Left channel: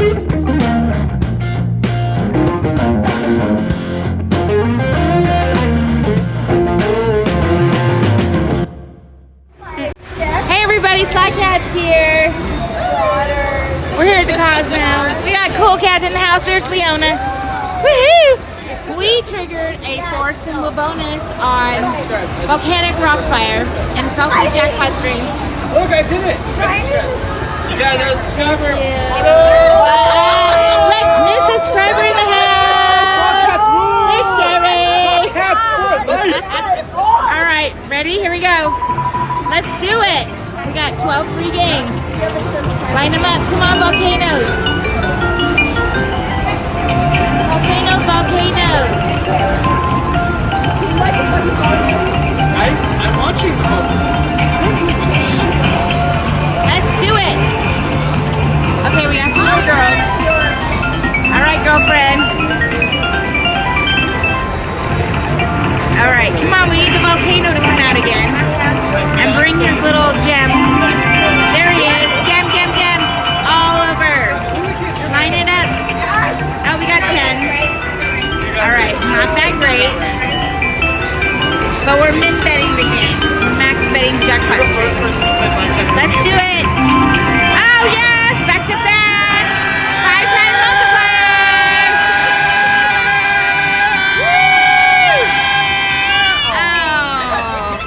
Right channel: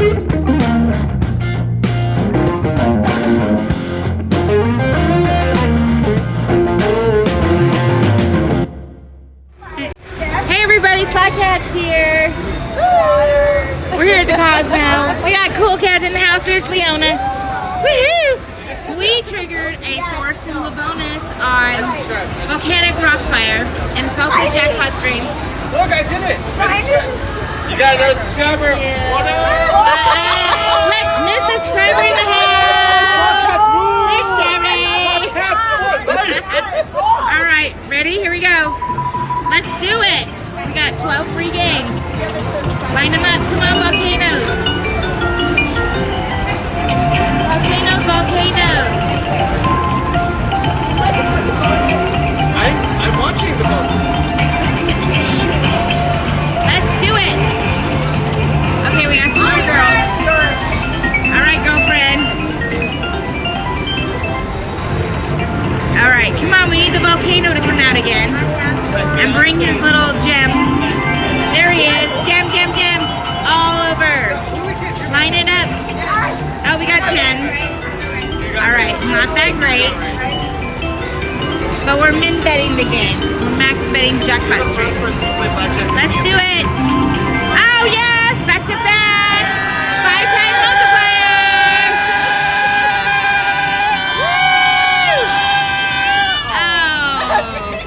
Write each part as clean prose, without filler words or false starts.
Hey everybody, TheSlotCats here. We're here at the Cosmo. We got cool cats in the house. There's Leona. Woohoo! We triggered a $4 bonus on Volcanic Rockfire, and it's also a jackpot stream. Look, I did it! You got a subscriber! Look, new subscriber in the house! There's Sherry! Alright, ready? Here we go. Let's do it! We got 12 free games. Line them up. Come on, volcanoes! Volcanoes, volcanoes! I'm watching. Let's do it! Okay, we got some more girls. Alright, girlfriend. Alright, come on, we need the volcano to come out again. And bring his little gem. There he is. Gem, gem, gem. All over. Line it up. Oh, we got 10. Alright, not that great. But we're min betting the game. We're max betting jackpot stream. Let's do it. Oh yes, back to back. 5-time multiplier. Woo! Oh,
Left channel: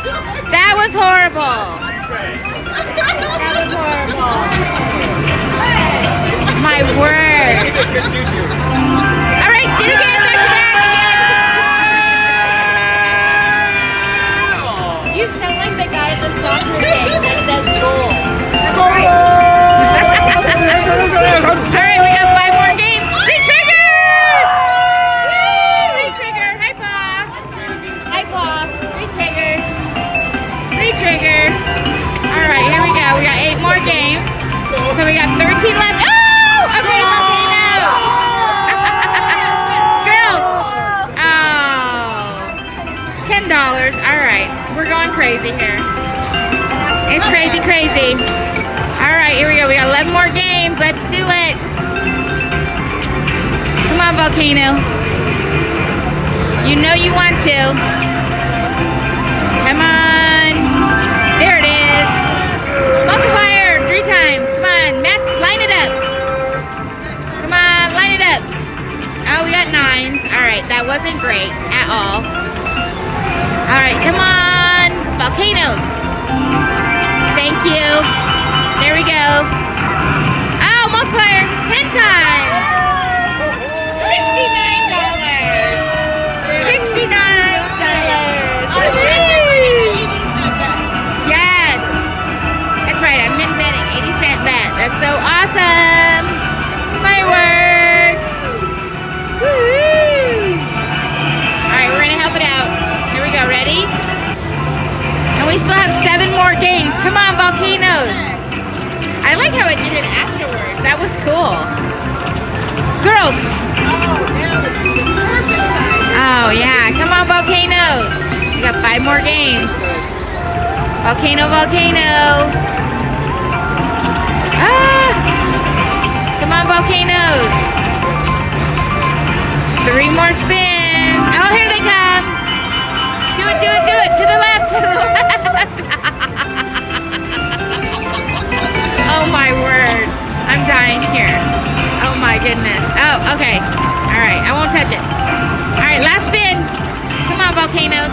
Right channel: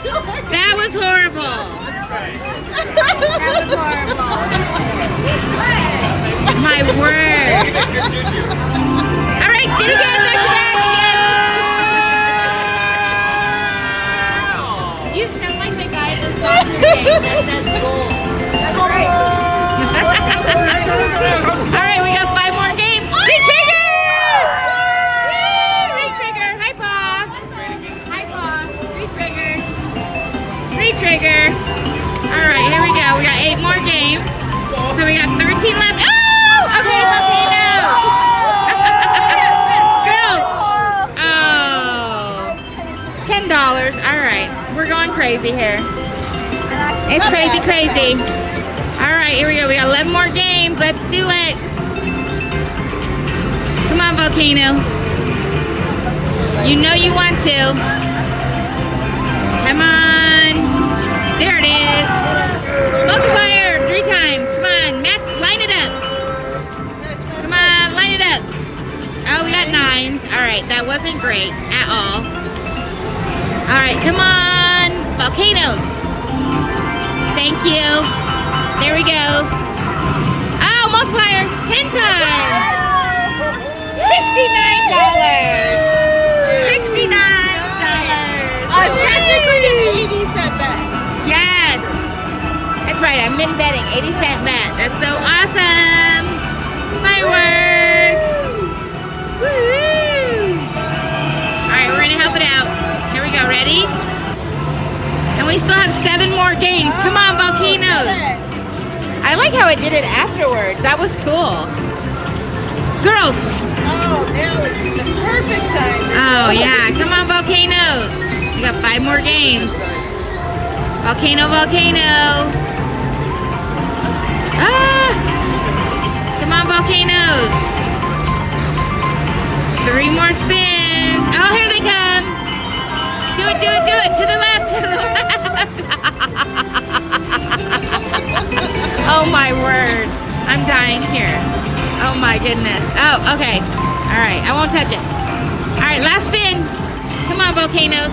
that was horrible. That was horrible. My word. All right, did it again. Back to back again. You sound like the guy at the soccer game that does goal. Alright, we got 5 more games. Re-trigger! Woo! Re-trigger. Hi, Paw. Hi, Paw. Re-trigger. Re-trigger. Alright, here we go. We got 8 more games. So we got 13 left. Oh! Okay, volcano. Girls. Oh. $10. Alright. We're going crazy here. It's crazy, crazy. Alright, here we go. We got 11 more games. Let's do it. Come on, volcano. You know you want to. Come on. There it is. Multiplier 3 times. Come on, Matt, line it up. Come on, line it up. Oh, we got 9s. Alright, that wasn't great at all. Alright, come on, volcanoes. Thank you. There we go. Oh, multiplier 10 times. $69. Yes. That's right. I'm min betting 80-cent bet. That's so awesome. Fireworks. Woo! All right, we're gonna help it out. Here we go. Ready? And we still have 7 more games. Come on, volcanoes. I like how it did it afterwards. That was cool. Girls. Oh, yeah. Come on, volcanoes. We got 5 more games. Volcano, volcanoes. Ah! Come on, volcanoes. 3 more spins. Oh, here they come. Do it, do it, do it. To the left, to the left. Oh my word. I'm dying here. Oh my goodness. Oh, okay. Alright, I won't touch it. Alright, last spin. Come on, volcanoes.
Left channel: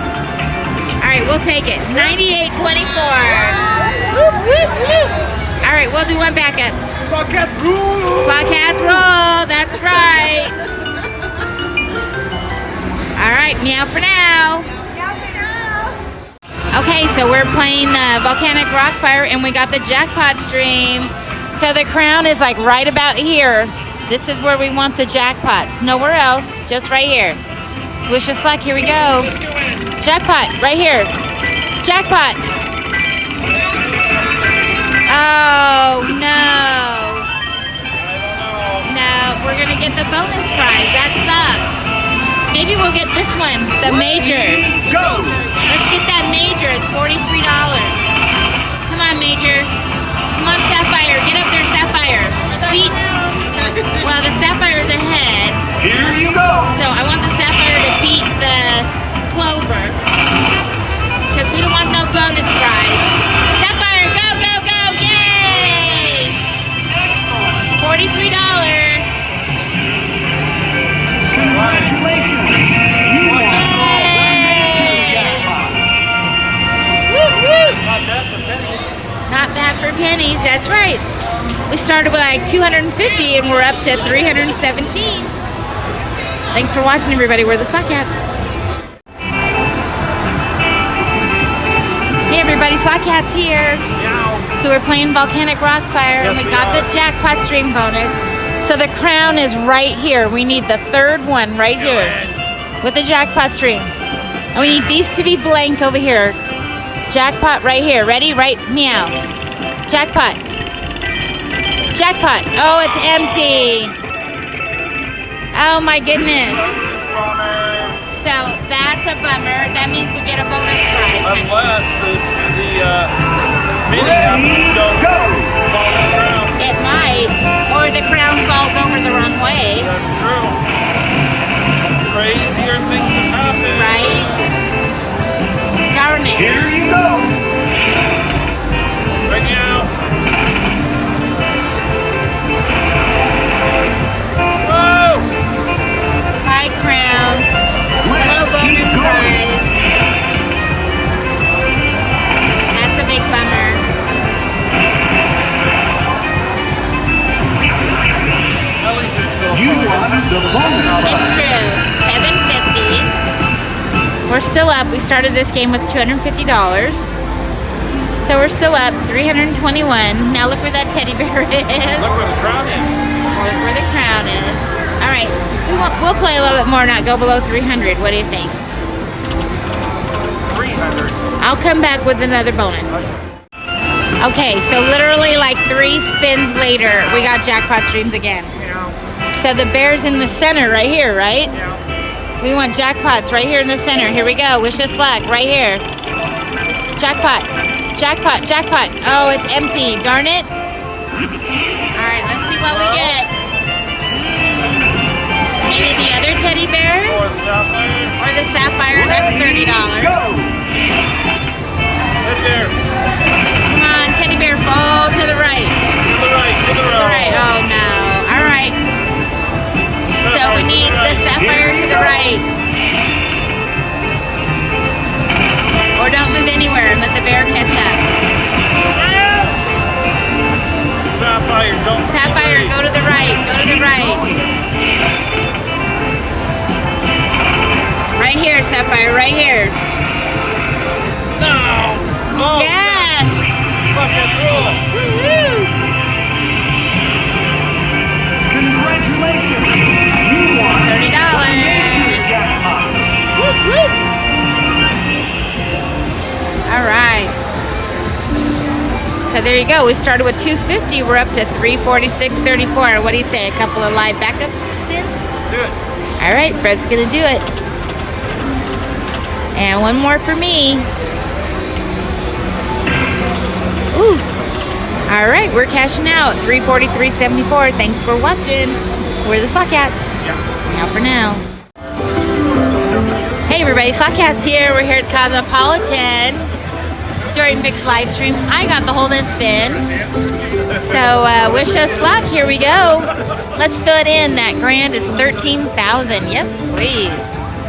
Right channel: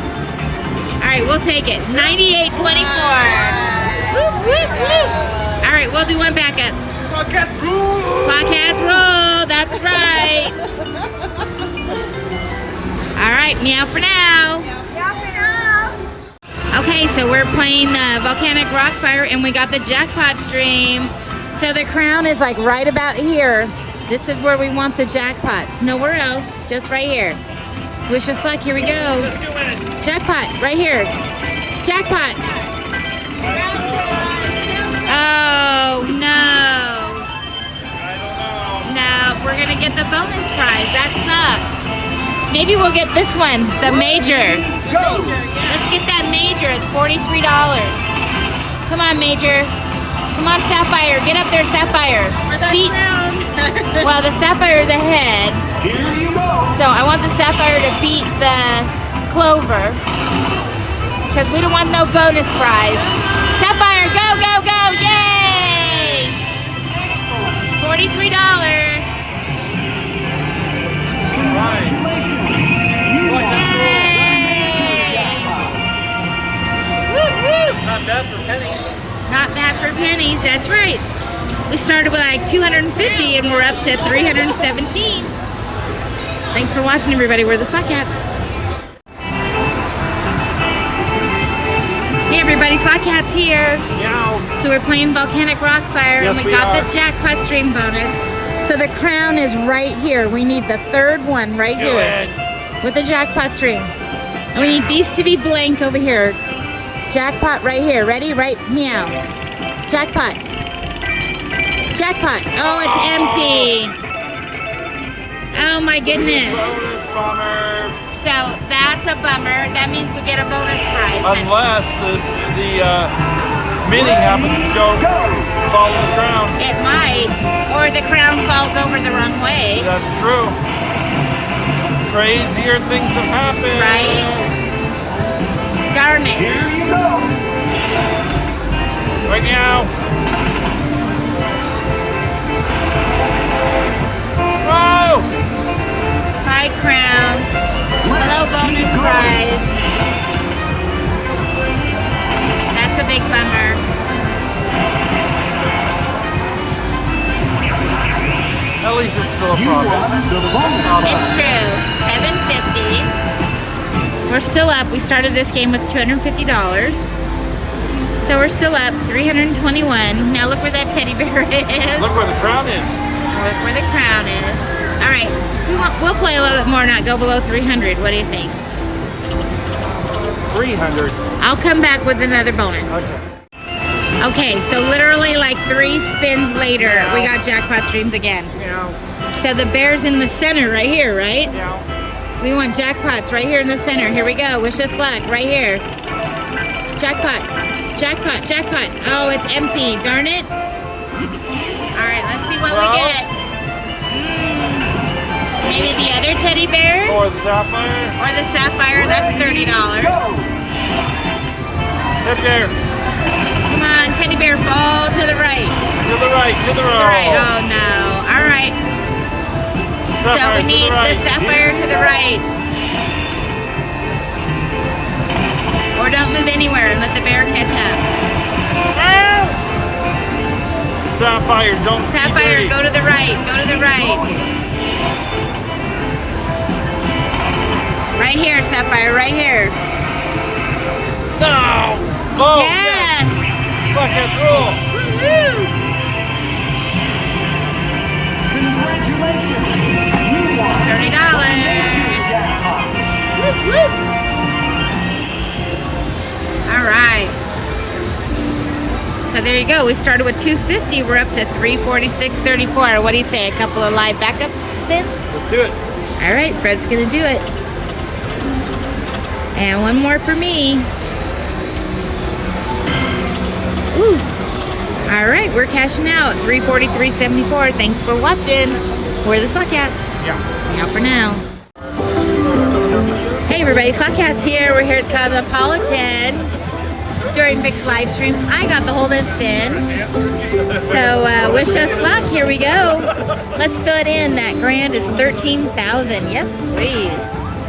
Alright, we'll take it. 98.24. Whoop, whoop, whoop. Alright, we'll do one backup. SlotCats rule! SlotCats roll. That's right. Alright, meow for now. Okay, so we're playing Volcanic Rockfire, and we got the jackpot stream. So the crown is like right about here. This is where we want the jackpots. Nowhere else, just right here. Wish us luck. Here we go. Jackpot, right here. Jackpot. Oh, no. No, we're going to get the bonus prize. That sucks. Maybe we'll get this one, the major. Go! Let's get that major. It's $43. Come on, major. Come on, Sapphire. Get up there, Sapphire. Beat. clover. Because we don't want no bonus prize. Sapphire, go, go, go! Yay! $43. Congratulations! Woo, woo! Not bad for pennies. Not bad for pennies, that's right. We started with like 250 and we're up to 317. Thanks for watching, everybody. We're the TheSlotCats. Hey everybody, TheSlotCats here. Yeah. So we're playing Volcanic Rockfire and we got the jackpot stream bonus. So the crown is right here. We need the third one right here with the jackpot stream. And we need these to be blank over here. Jackpot right here. Ready? Right now. Jackpot. Jackpot. Oh, it's empty. Oh my goodness. So that's a bummer. That means we get a bonus prize. Unless the mini happens to go fall on the ground. It might. Or the crown falls over the wrong way. That's true. Crazier things have happened. Right? Darn it. Here you go! Right now. Whoa! High crown. Low bonus prize. That's a big bummer. At least it's still You fun. won the bonus It's prize. true. $750. We're still up. We started this game with $250. So we're still up. 321. Now look where that teddy bear is. Look where the crown is. Look where the crown is. All right. We'll play a little bit more, not go below 300. What do you think? 300. I'll come back with another bonus. Okay, so literally like 3 spins later, we got jackpot streams again. So the bear's in the center right here, right? We want jackpots right here in the center. Here we go. Wish us luck right here. Jackpot. Jackpot. Jackpot. Oh, it's empty. Darn it. All right, let's see what we get. Maybe the other teddy bear Or the sapphire. or the sapphire. That's $30. Go! Up there. Come on, teddy bear, fall to the right. To the right. To the To the right. right. Oh no. All right. So Sapphire we to need the right. sapphire to the right. Or don't move anywhere and let the bear catch up. Sapphire, don't. Sapphire, go to the right. Go to the right. Right here, Sapphire. Right here. No. Oh, Yes. Sapphire's rolling. Woo-hoo. Congratulations! You won $30. jackpot! Woo, woo. All right. So there you go. We started with 250. We're up to 346.34. What do you say? A couple of live backup spins? Do it. All right, Fred's gonna do it. And one more for me. Ooh. All right, we're cashing out. 343.74. Thanks for watching. We're the TheSlotCats. Now for now. Hey everybody, TheSlotCats here. We're here at Cosmopolitan during Vic's live stream. I got the hold and spin. So wish us luck. Here we go. Let's fill it in. That grand is 13,000. Yes, please.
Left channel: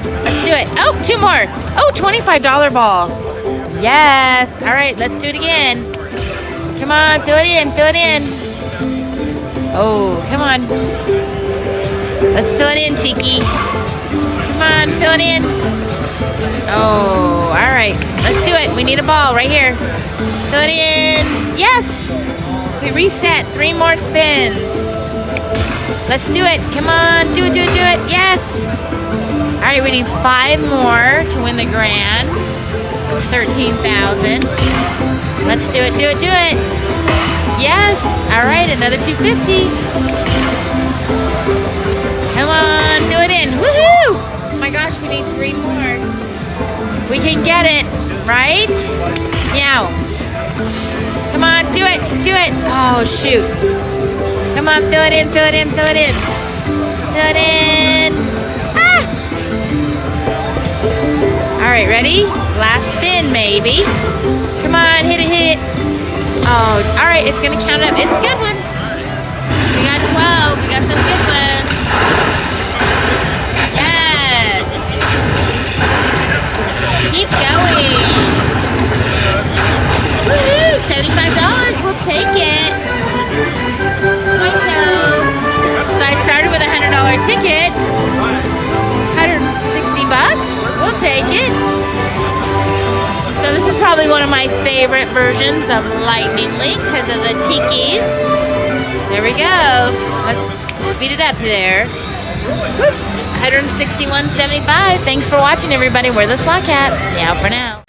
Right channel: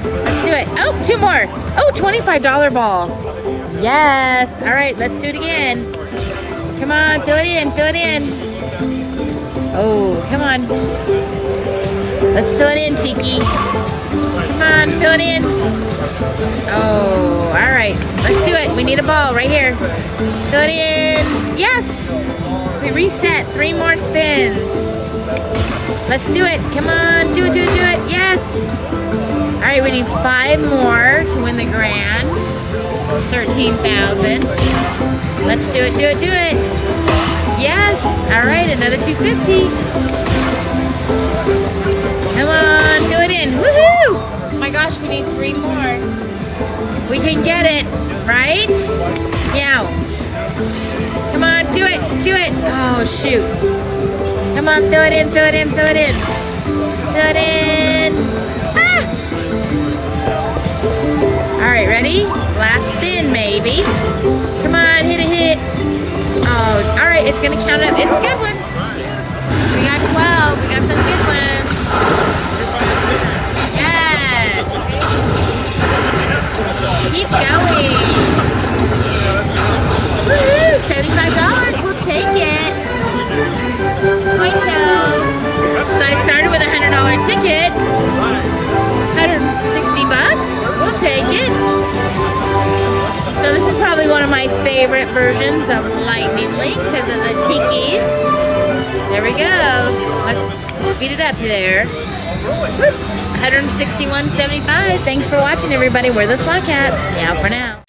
Let's do it. Oh, 2 more. Oh, $25 ball. Yes. All right, let's do it again. Come on, fill it in. Fill it in. Oh, come on. Let's fill it in, Tiki. Come on, fill it in. Oh, all right. Let's do it. We need a ball right here. Fill it in. Yes. We reset. 3 more spins. Let's do it. Come on. Do it, do it, do it. Yes. All right, we need 5 more to win the grand. 13,000. Let's do it, do it, do it. Yes. All right, another 250. Come on, fill it in. Woohoo! Oh my gosh, we need 3 more. We can get it, right? Meow. Come on, do it, do it. Oh, shoot. Come on, fill it in, fill it in, fill it in. Fill it in. Ah! All Ready? Last spin, maybe. Come on, hit it. Oh, all right, it's gonna count up. It's a good one. We got 12. We got some good ones. Yes. Keep going. Woohoo! $75. We'll take it. My show. So I started with a $100 ticket. 160 bucks. We'll take it. So this is probably one of my favorite versions of Lightning Link because of the Tikis. There we go. Let's speed it up there. 161.75. Thanks for watching, everybody. We're the TheSlotCats. Meow for now.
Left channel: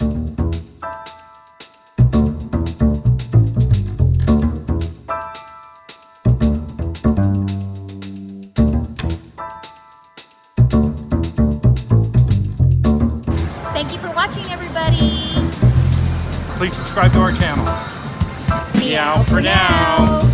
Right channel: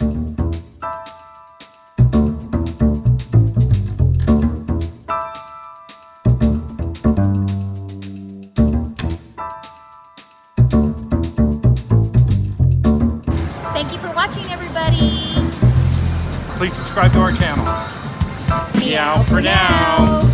Thank you for watching, everybody. Please subscribe to our channel. Meow for now.